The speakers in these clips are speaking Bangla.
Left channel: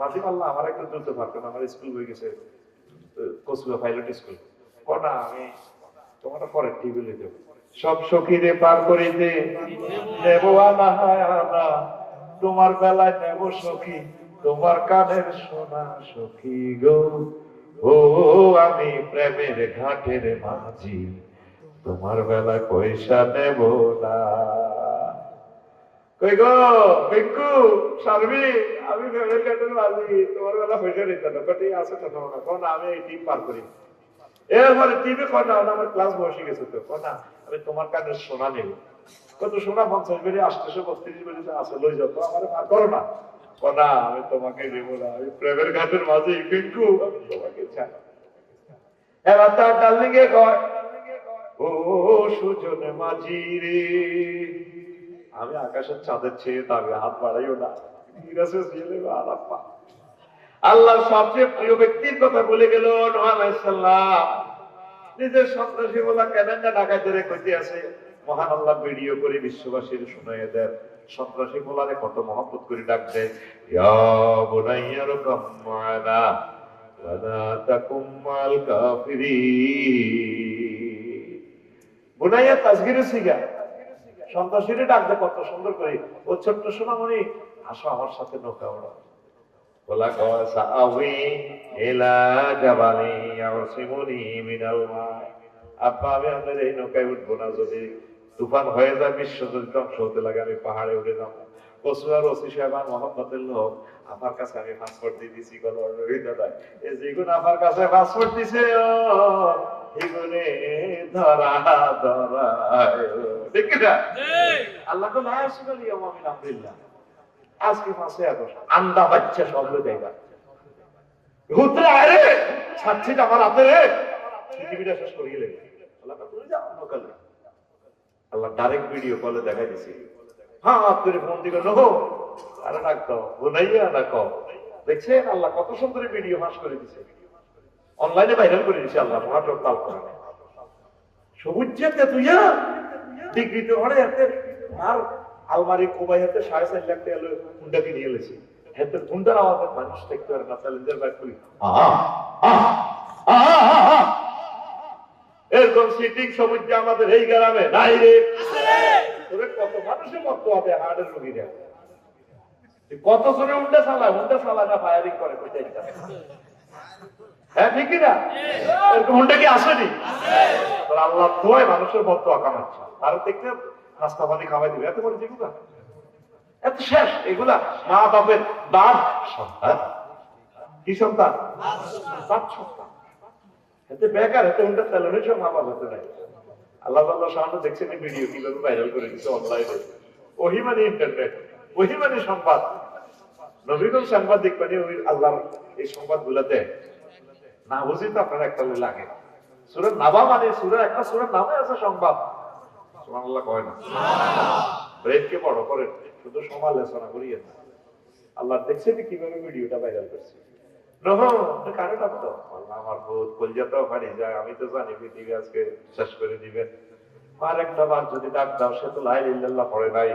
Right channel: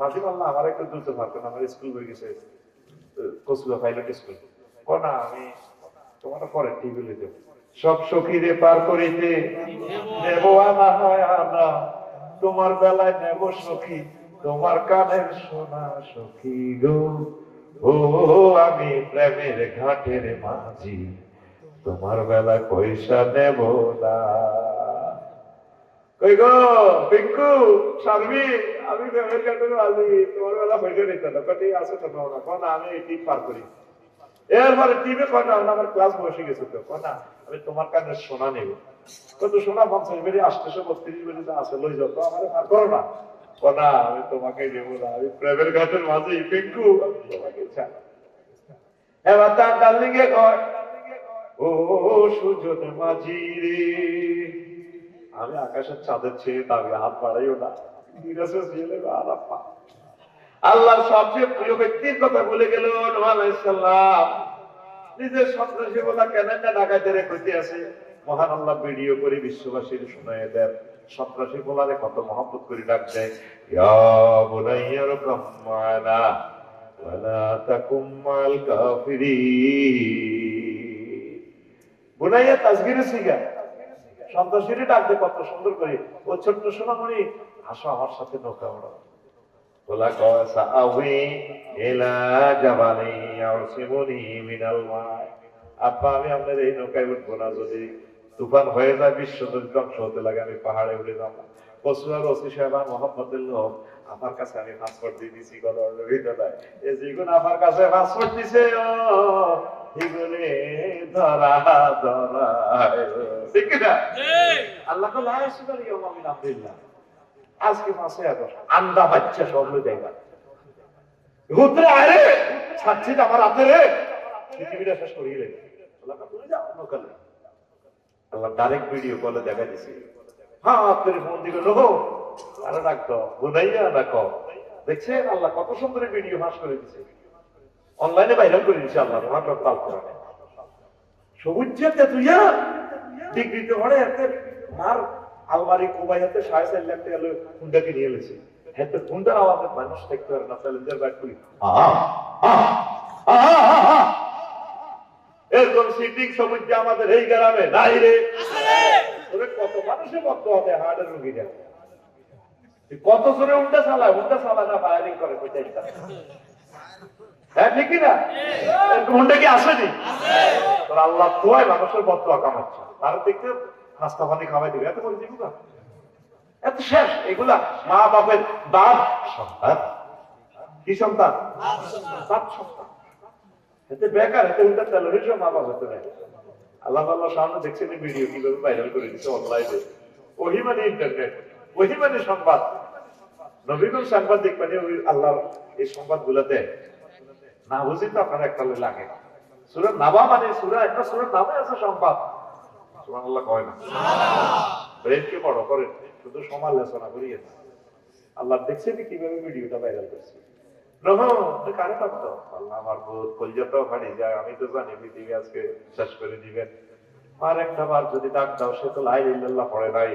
মাঝে আল্লাহ আমার একটু দ্রুত পারতেন, আমার স্কুল হয়ে গেছে কচুয়া পাইলট স্কুল, না আমি তোমার পরে টিভি লিখে সব সখীরে পার করিতে নেব আমরা, তোমার বেলায় নেব সখী তোমার কানের সোনা সখী গো, ও আমি প্রেমের ঘাটের মাঝি তোমার বেলায় পয়সা নেব না। কই গো পিঙ্কু শারমি, আমি প্রেমের ঘাটের মাঝি তোমার বেলা পয়সা নিতে না, কটি আছে তো না আমি এই টিপ পার করি। এরপরে টিভি কটা আমার ক্লাস বসে গেছে তো কটা আমি তোমার কাছে সোনা নেব, কত সোনা 50 বেরি 832 বেরি আছে লই যাও, তো আমার আর করো না, কটা আমি তোমাকে দেব না, আমি প্রেমের ঘাটের মাঝে পিঙ্কু আমি তোমাকে চাই। এবার তার ডার্লিং এ কয় ও সুজন মাঝি রে, আমি আকাশের চাঁদের চেয়ে দাবি হাত বাড়াইও না, আল্লাহর সবচেয়ে প্রিয় ব্যক্তির কথা বলে গেল নূহ আলাইহিস সালাম, নিজের সন্ত্রাসী বলা কেন না ঢাকাতে রেখে আছে, মহান আল্লাহ ভিডিও করে বিশ্ববাসীর শুনাইয়া দেন সন্ত্রাসী বলারে কত মহব্বত করে ডাক দেয়, ইয়া বুনাইয়া রকাম মানা ওয়ালা তাকুম মাল কাফিরিন। বুনাইয়া তাসগীরে সিগা সন্ত্রাসীরে ডাক দেয় কত সুন্দর করে, ও ছোট্ট সোনামণি আসো আমার সাথে নৌকা ওড়াও, বলা কথা আউই এলা জাবালি ইয়াসিমুনি মিনাল মা, আপা আমি আপনার এই নৌকায় উঠবো না, যদি তুফান হয়ে যায় বিশ্ব যদি ধ্বংস হতে লাগে আমি পাহাড়ে উঠে যাব। কসুয়ার ওসি সাহেব মোহাম্মদের লোক আমার কাছে আমি পাসপোর্ট দিয়ে দিছি, এই যেগুন আমার কাছে পাসপোর্ট দিছে ও এগুলো ধরা ধরা ঠিক না আল্লাহ তো লাইসু বলি আমি আলহামদুলিল্লাহ আজকে মাসে আগস্ট আন্ডা বাচ্চা সব দেখা ঘুরতে আরে ছাড়ছি আমার আপনারে পৃথিবীটা শেষ করে গেলেন। আল্লাহ ডাইরেক্ট ভিডিও কলে দেখাই দিছি, হ্যাঁ আপনার ফোন দিকে নো আরে রাখতো বুনাইয়া রাখো, দেখছেন আল্লাহ কত সুন্দর ভিডিও ফাঁস করে দিছে, অনলাইনে ভাইরাল করে দিচ্ছে আল্লাহ নাটক কাল করে সবুজ তুইয়া ডিগ্রিতে ঘরে হাতে আর আলমারি কোবাই হাতে 4.5 লাখ টাকা হুন্ডাকে নিয়ে এলেছে, হাতে হুন্ডার আওয়াজে মানুষ দেখতে পারে না, চ্যালেঞ্জার ব্যাক করি এরকম সিটিং সবুজ আমাদের এই গ্রামে নাই রে, কত মানুষের মত হবে হার্টের রোগীরা, কত জোরে হুন্ডা চালা না ফায়ারিং করে হ্যাঁ ঠিক না, এরকম হুন্ডা কি আসেনি? আল্লাহ দোয়ায় মানুষের বদদোয়া কামাচ্ছে, আর দেখতে নাস্তা পানি খাওয়াই দিবে, এত বড় যেগুলা এত শেষ, এগুলা মা বাপের বাপ সন্তান, কি সন্তান? বাপ সন্তান, এতে বেকার, এতে উল্টা তেলের মা বাপ হতে নাই। আল্লাহ সামনে দেখছেন ভিডিও কিভাবে ভাইরাল করে দিচ্ছে অনলাইনে, ওহি মানে ইন্টারনেট, ওহি মানে সংবাদ, নবীগণ সাংবাদিক মানে আল্লাহ এই সংবাদ গুলাতে না বুঝি তো আপনার একটা লাগে সূরা নাবা মানে সূরা একটা সূরা নামে আছে সংবাদ, সুবহানাল্লাহ কয় না ব্রেনকে বড় করে শুধু সমালোচনা করিয়ে না। আল্লাহ দেখছেন কিভাবে ভিডিওটা ভাইরাল করছে, কারো ডাকতো আল্লাহ আমার বোধ কলজাটাও হারিয়ে যায়, আমি তো জানি পৃথিবী আজকে শেষ করে দিবেন, আর একটা বার যদি ডাক দাও সে তো লা ইলাহা ইল্লাল্লাহ পড়ে নাই,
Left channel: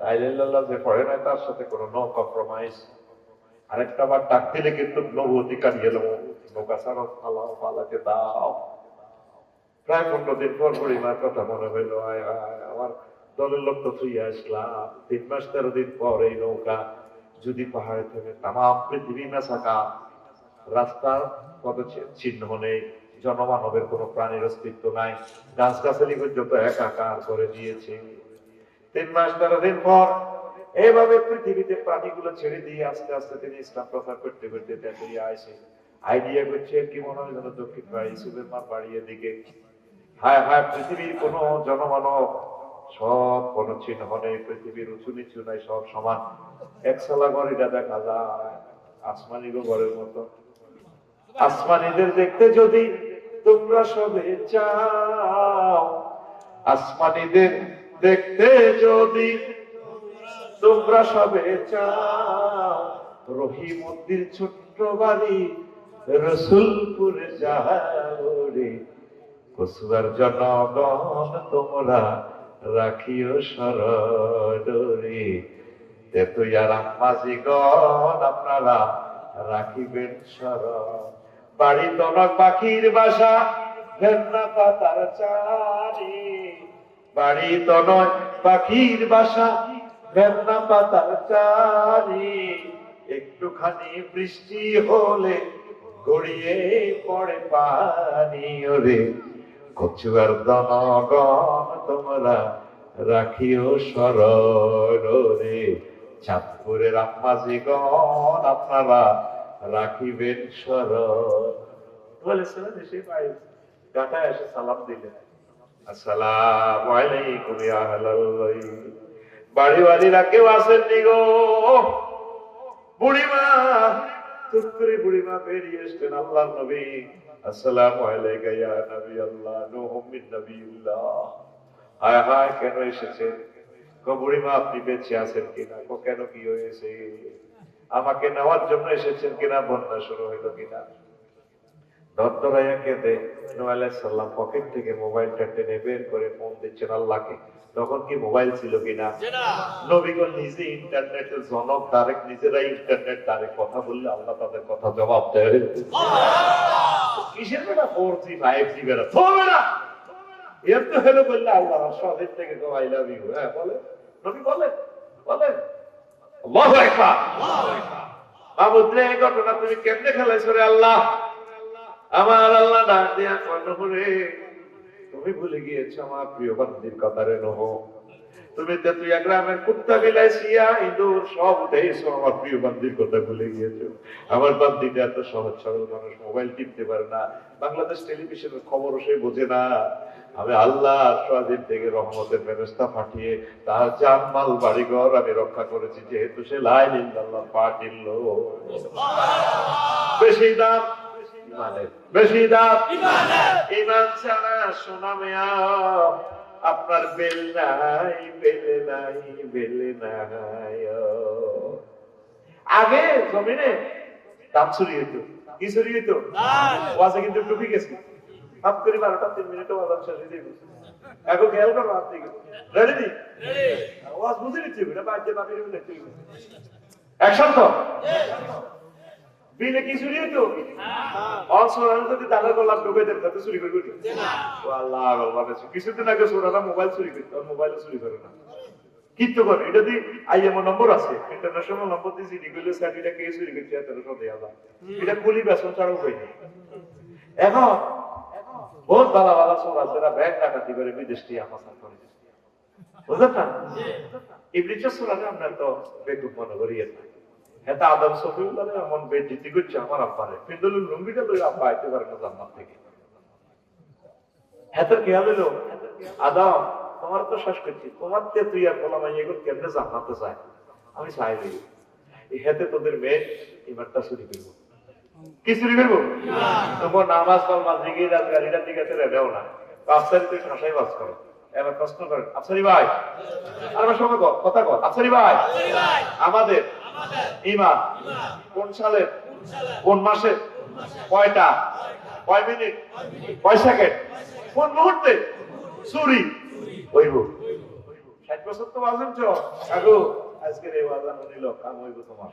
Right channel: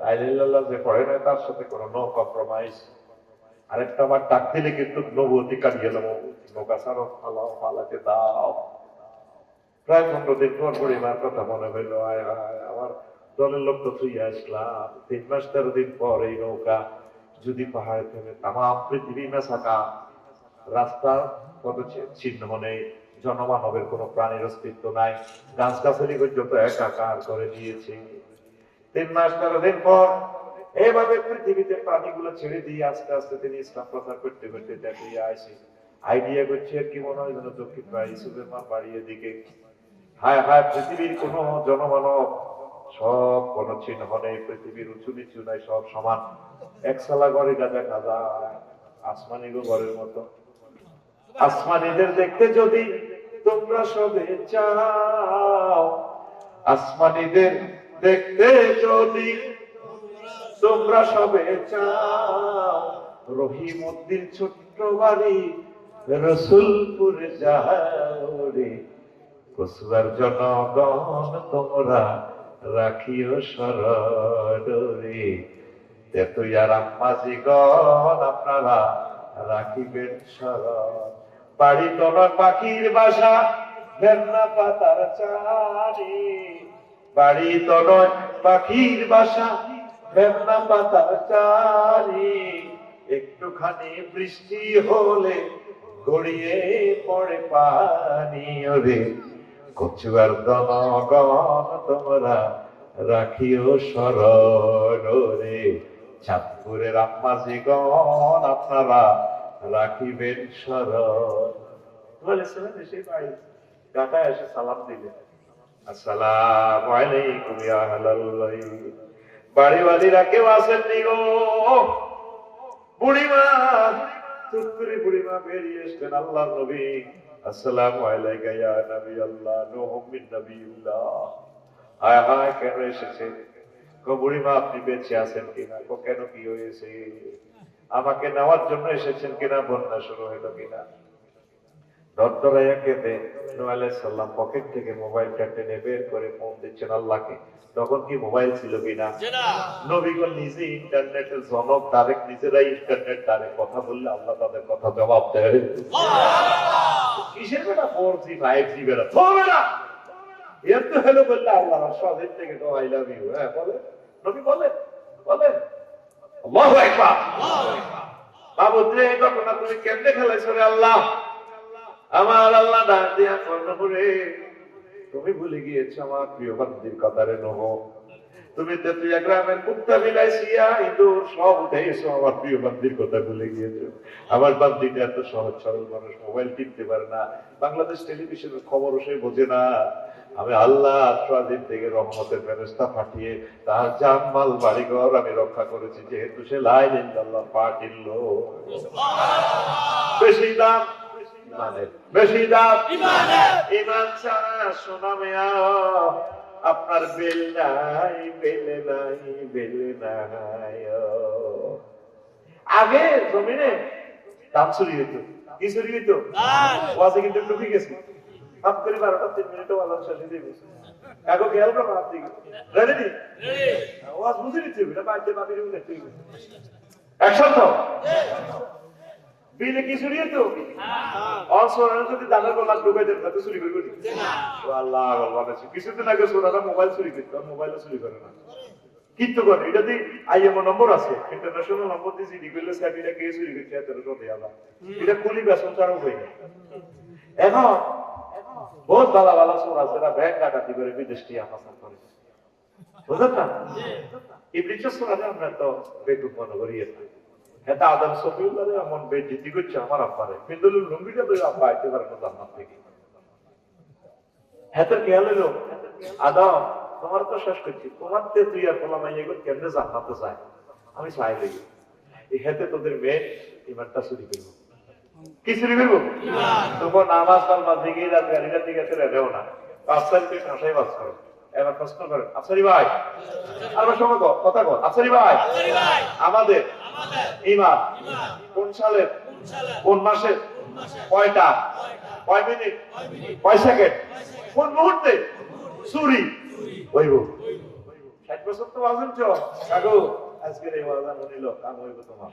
লা ইলাহা ইল্লাল্লাহ যে পড়ে নাই তার সাথে কোনো নো কম্প্রোমাইজ, আরেকটা বার ডাক দিলে কিন্তু নবুয়তি কাটিয়ে দেবো, নৌকা ছাড়ো আল্লাহকে দাও। প্রায় 15 দিন পর পরিমার কথা মনে হইল, আমার দলের লোক তো তুই আসলাম 3 মাস 13 দিন পর এই নৌকা যদি পাহাড়ে থেকে তাম পৃথিবী না থাকা, রাস্তা কত ছিন্ন নেই, জনমানবের কোন প্রাণীর অস্তিত্ব নাই, গাছ গাছালি পর্যন্ত একাকার করে দিয়েছে। 3 মাস 13 দিন পর এইভাবে পৃথিবীতে প্রাণীগুলো ছেড়ে দিয়ে আস্তে আস্তে তিনি ইসলাম প্রচার করতে করতে দেখে আসে, আইডিয়া করছে কি মনে হয় যেন দক্ষিণ ইসুফের মা বাড়িয়ে দিকে, হায় হায় পৃথিবীর কোন জনমানব সব কোন চিহ্ন নেই, পৃথিবীর উঁচু নিচু নাই, সব সমান, একসালা গড়িটা দেখা যায় আসমানি ঘরের মতো। আসমানিদের দেখতে যদি তোমরা সবে চাও, আসমানিদের দেখতে যদি তোমরা সবে চাও, রহিমউদ্দিন ছোট্ট বাড়ি রসুলপুরে যাও রে, কসবার জনগণ তোমরা রাখিও স্মরণ রে, তেতুইয়ার আম্মাজি গণ আপনারা রাখিবেন স্মরণ। বাড়ি তলয় পাখির বাসা, ভেন্না পাতার চারি। বাড়ি তলয় পাখির বাসা, ভেন্না পাতার চারি। একটুখানি বৃষ্টি হলে গড়িয়ে পড়ে পানি ওরে। কচুয়ার জনগণ তোমরা রাখিও স্মরণ রে। চাঁদপুরের আম্মাজিগণ আপনারা রাখিবেন স্মরণ। বলেছিলেন দেশে পাই গাটা এসে সালাম দিলেন, আসসালামু আলাইকুম ইয়া আহলাল বাইত। বাড়ি বাড়িরা কেউ আসেননি গো। বুড়িমা তুত্তুরি বুড়িমা বেরিয়ে এসছেন। আল্লাহ নবী, আসসালামু আলাইকা ইয়া নবী আল্লাহ, নূহুম মিন নবিয়্যিল্লাহ। হায় হায়, কেন এসেছেন? গো বুড়িমা আপনি বেঁচে আছেন কিনা? গো কেন, কি হয়েছে? আমাকে নেওয়ার জন্য এসেছেন কিনা? বন্যা শুরু হইলো কিনা? দরদরাইয়া কেঁদে নূহ আলাইহিস সালাম পকেট থেকে মোবাইলটা টেনে বের করে ফোন দিচ্ছেন আল্লাহকে। তখন কি মোবাইল ছিল কিনা? নবীগণ নিজে ইন্টারনেটের জনক, ডাইরেক্ট নিজেরাই ইন্টারনেট দ্বারে কথা বললে আল্লাহ তাদের কথা জবাব দেয়। কিসের বেটা 4G 5G বেটা থবে না, এর তো হলো বললে আল্লাহ সদের থেকে তো আই লাভ ইউ। হ্যাঁ বলে নবী, বলেন বলেন আল্লাহু আকবার। বাবুদ্রে এই ঘটনা তুমি কেমনে খেলাইছো রে আল্লাহ? আমার আল্লাহ ডাক দিয়া কর্ণপুরে, তুমি ভুলে গিয়েছো আমার প্রিয় বান্দির কথা রে নহ। তুমি তেতুইয়া গ্রামের কুত্তা বিলাইছিয়া ইঁদুর সব উঠেছো, আমার প্রিয় বান্দির কথা ভুলে গিয়েছো। আমার বান্দিটা এত সহজ সরল মানুষ, মোবাইল টিপতে পারে না, বাংলাদেশ টেলিভিশনের খবরও সে বোঝে না। আমি আল্লাহ স্বাধীন থেকে রহমতের ফেরেশতা পাঠিয়ে তার জানমাল বাড়িঘর আমি রক্ষা করেছি, যেহেতু সে লা ইলাহা ইল্লাল্লাহ পাঠিল। বেশি দাম বেশি দাম ইমান ছাড়া সোনা মেয়া আপনার বেল নাই, বেলে নাই, বেলে নাই। আগে জমিনে দাম চুরি হইত, কি চুরি হইত? ওয়াজে কিন্তু ডুবে গেছে। হাত করে 12টা 3 মিনিটে ওয়াজ শেষ হয়ে গেছে। এখন খেয়াল করো আপনি রেডি? ওয়াজ বুঝে নিচ্ছে এটা বাইরে বাবির বলে ঠিক একসাথে বিলে কি চুরি হতো? অসরান যদি দাদা বললাম ঢুকে দেন তাতে চুরি করবি ও আল্লাহ আল্লাহ। কিছুদিন আগে সোনারা মোবাইল চুরি করতো, মোবাইল চুরি করে না, কিন্তু করে এটা দিয়ে আইএমও নম্বর আছে, ইন্টারন্যাশনাল নম্বর দিয়ে জিডি করলে স্যার এটা কে চুরি করছে এত দেওয়া এটা পুলি বেসন তারও হয়নি। এখন বহুত ভালো ভালো সব আছে, এরা ব্যাংক ডাকাতি করে বিদেশ দিয়ে আমার করে বুঝলেন না? ইবলিসের সোনারে আমরা তো বেকুব মনে করি। এটা আদম সফিউল্লাহ এমন বেইজ্জতি করছে আমার আব্বারে, ফিন্দুলুল লুঙ্গিটা তো আব্বা আইতে পারে না জান্নাত থেকে। এত খেয়াল হলো আদম তোমার তো শেষ করছি, তোমার তে তুই আর বলা মাই এগুলো কেমনে জান্নাতে যায়? আমি চাই দেখি এই হাতে তোদের মেয়ে ইমানটা চুরি করবো। কি চুরি করবো? তোমার নামাজ কালমা দিকে গাড়িটার দিকে রেবেও না, 5 তুই ঠাসাই বাস করো। এবার প্রশ্ন করেন আফসারি ভাই, আর সঙ্গে কথা কর আফসারি ভাই, আমাদের ইমাম কোন সালে, কোন মাসে, কয়টা, কয় মিনিট, কয় সেকেন্ড, কোন মুহূর্তে চুরি হইব? 60 বছর তো বাজেন চো কাকু, আজকের এই বাজার নিল কাম হইব তোমার,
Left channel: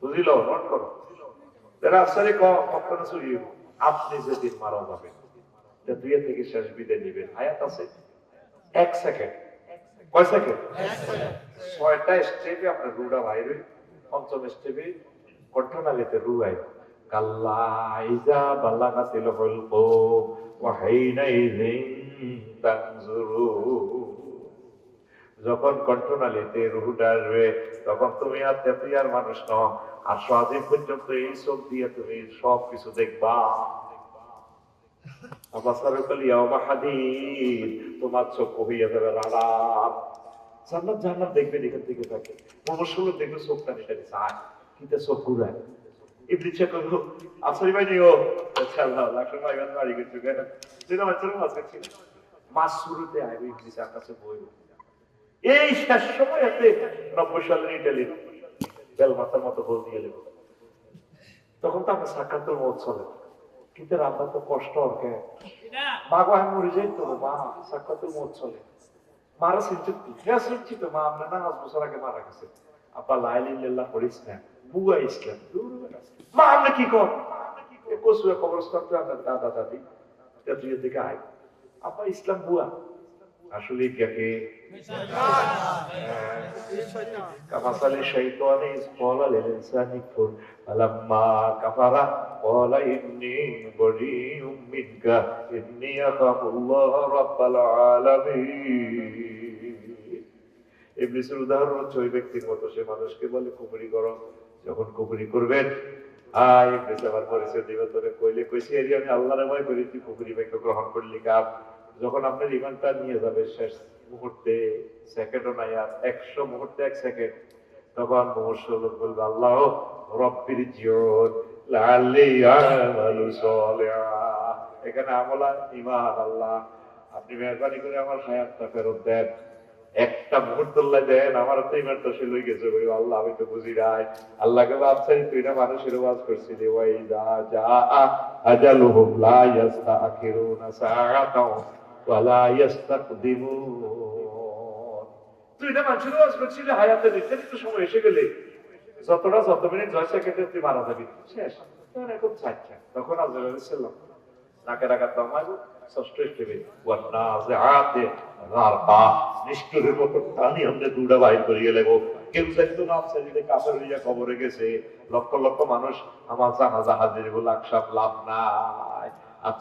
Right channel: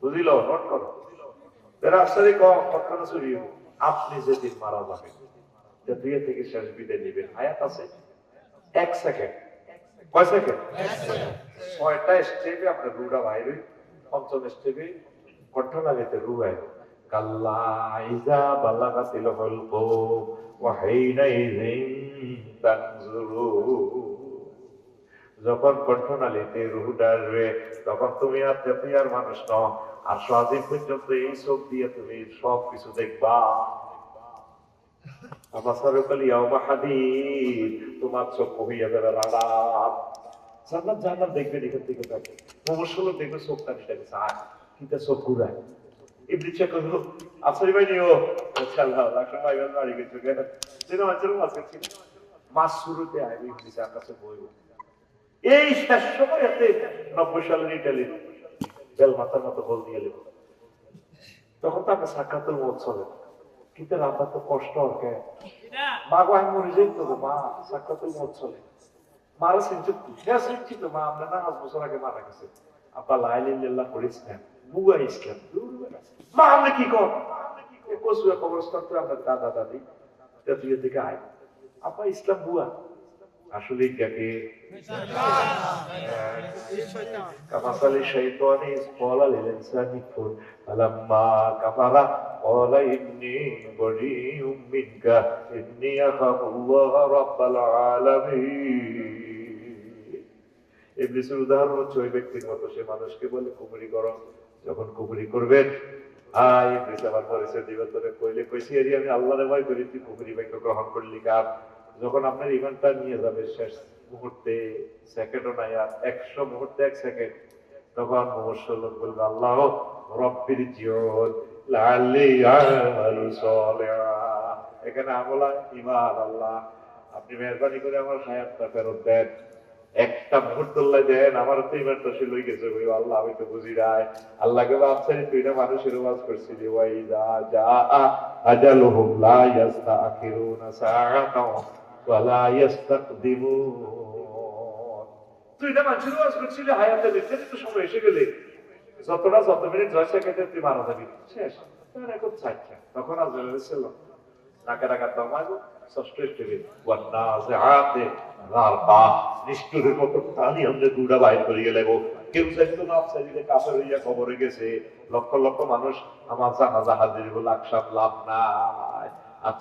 বুঝিল? নোট করো আফসারি কখন চুরি হইব? আপনি যেদিন মারা যাবেন দুই থেকে শেষ বিদায় নিবেন, আয়াত আছে 1 সেকেন্ড, কয় সেকেন্ড? 6টা স্টেপে আপনার রুটা বাইরে, 5ম স্টেপে কণ্ঠনালীতে রু আইব। কাল্লা ইজা বালাগাতিল হুলকুম ওয়া হাইনাইযিন তানজুরুন। যখন কণ্ঠনালীতে রুটা আসবে তখন তুমি আর তেতিয়ার মানুষ নও, আর স্বাধীন পর্যন্ত এই চোখ দিয়ে তুমি সব কিছু দেখবা। তোমার চোখ হইয়া যাবে রাডাপ, জান্নাত জান্নাত দেখবেন এখান থেকে থাকবে। মনুষ্যগুলো দেখবে চোখ টানি টানি চায় কিন্তু চোখ ঘুরায়। ইবলিসে কইল আফসারি ভাই নিও ইনশাআল্লাহ লাখ ভাই বাড়ি গেছে কেন সিনেমা চলে আসছে মাস শুরুতে আইবি ইবলিসের কাছে বইব। এই শেষ সময়তে 90 সালের ইতালি বেল মাথার মতো বল দিয়ে লেগে তখন তো আমার সাক্ষাতের মত চলে, কিন্তু আপনার তো কষ্ট হবে মা গো আমি মরে যাই তো মা, সাক্ষাতের মত চলে মারা চিন্তিত তো মা, আমরা না 5 বছর আগে মারা গেছে, আপনার লাইলিল্লাহ করিস না, বুয়া ইসলাম। মা আমরা কি কর কচুয়া কবরস্থান তো আপনার দাদা দাদি তেতুলের দিকে আয়, আপা ইসলাম বুয়া। আসলে যাকে কামাসালি শাইতানি ইসqala লিল ইনসানি কুর ফালাম্মা কাফারা ক্বালা ইন্নী বারীউম মিনকা ইন্নী আখাফুল্লাহ রাব্বাল আলামিন। ইবলিসের উদাহরণ হচ্ছে ওই ব্যক্তির মতো, সে মানুষকে বলে কুফরি করো, যখন কুফরি করবেন ইবলিস আমার পরিচয় দিবে, তোরে কইলে কইছি এরি আমি আল্লাহর ভয় করি, তুই কুফরি বাক্য গ্রহণ করলি কার। যখন আপনার ইমানটা নিয়ে যাবে শেষ মুহূর্তে, সেকেন্ডও নাই আর 100 মুহূর্তে 1 সেকেন্ড, তখন মুশরিক বলবে আল্লাহ রব্বির জিউন লাআল্লি আমালু সালিহা। এখানে আমলা ঈমান, আল্লাহ আপনি মেহেরবানি করে আমার হায়াতটা ফেরত দেন, একটা মুহূর্ত দেন, আমার তো ইমানটা সে লই গেছে। আল্লাহ আমি তো বুঝি নাই, আল্লাহকে ভাবছে তুই না মানুষের ওয়াজ করছিলি, ওয়াইদা জাআ আজালুহুম লা ইস্তাখিরুনা সাআতাও ওয়া লা ইস্তাকদিমুন। তুই না মানুষের ওয়াজ করছিলি, হায়াতের নির্ধারিত সময় এসে গেলে যত মিনিট 10 সেকেন্ডে তুই মারা যাবি, শেষ। এখন চাচ্ছা তখন আজরাইল সাল্লাম নাকের আঘাত আমাকে ষষ্ঠ স্টেপে ওয়ান্নাজিআতে গারবা, নিষ্ঠুরের মতো টানি আমরা দুটা বাইর করিয়ে নেব। কেউ জানতো না ছেলে কাফের হইয়া কবরে গেছে, লক্ষ লক্ষ মানুষ আমার জানাজা হাজির বলে আকশাফ লাভ নাই।